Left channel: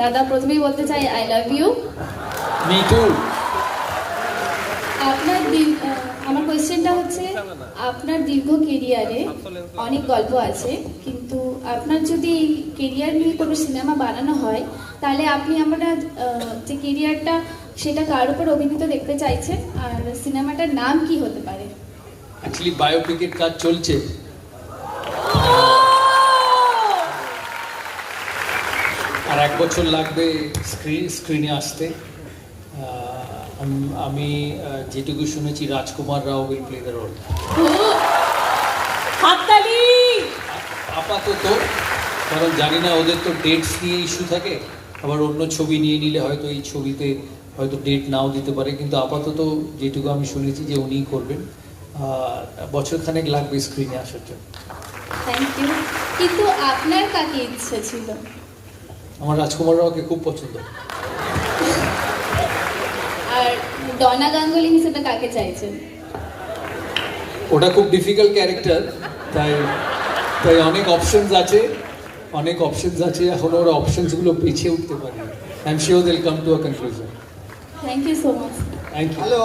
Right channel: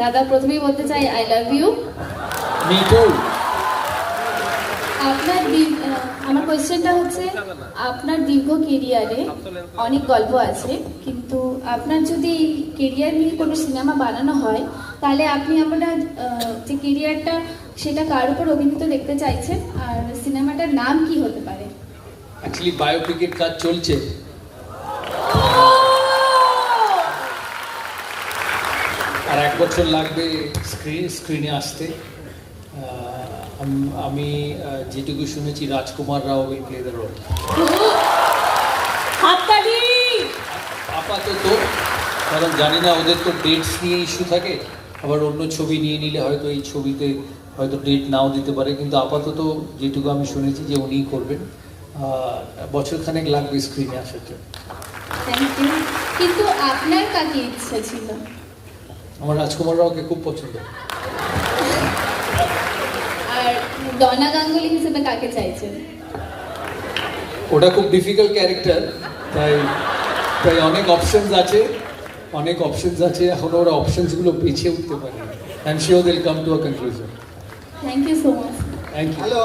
দাদা প্রথমেই বলতে চাই I love you. Me too. আমার কোয়েশ্চেনটা হচ্ছে, আপনার দীর্ঘ কেরিয়ারে অনেক গল্প আছে, কিন্তু আপনার যদি কেরিয়ার নিয়ে কোনো সিনেমা বানানো হয়, তাহলে আপনি আপনার যে কেরিয়ারটা সেটা কার উপর অভিনীত দেখতে চাইছেন, আর সিনেমাটার নাম কি হতে পারে? অ্যাকচুয়ালি বায়োপিকের কাজ চলছে, আর 1 বছর লাগবে স্ক্রিনে আসতে। আমি যেটুকু শুনেছি রাজকুমার রাও উইল প্লে দ্য রোল আপাতত, কারণ জানি না, ওদের তো ডেটস নিয়ে ইস্যু থাকে, আবার অন্য ছবি নিয়ে নিলে হয়তো এই ছবিতে হয়তো ডেট নাও দিতে পারে, কিন্তু আপাতত যেটুকু আমি শুনেছি যে উনিই করবেন। বছরখানেক লাগবে স্ক্রিনে আসার জন্য। Thank you. কিন্তু আপনার কাকে ইচ্ছা ছিল? আমার রাজকুমার রাওকে খুব পছন্দ। আর ডনা গাঙ্গুলি হিসেবে কাকে চাইছেন? ওটা খুব ডিফিকাল্ট ক্যারেক্টার, তাই তাই অনেক অপশনস আছে, এখন ওরা অপশনসগুলো বেছে উঠতে পারে। I am sure they will come to a conclusion. Thank you so much. Thank you. Hello.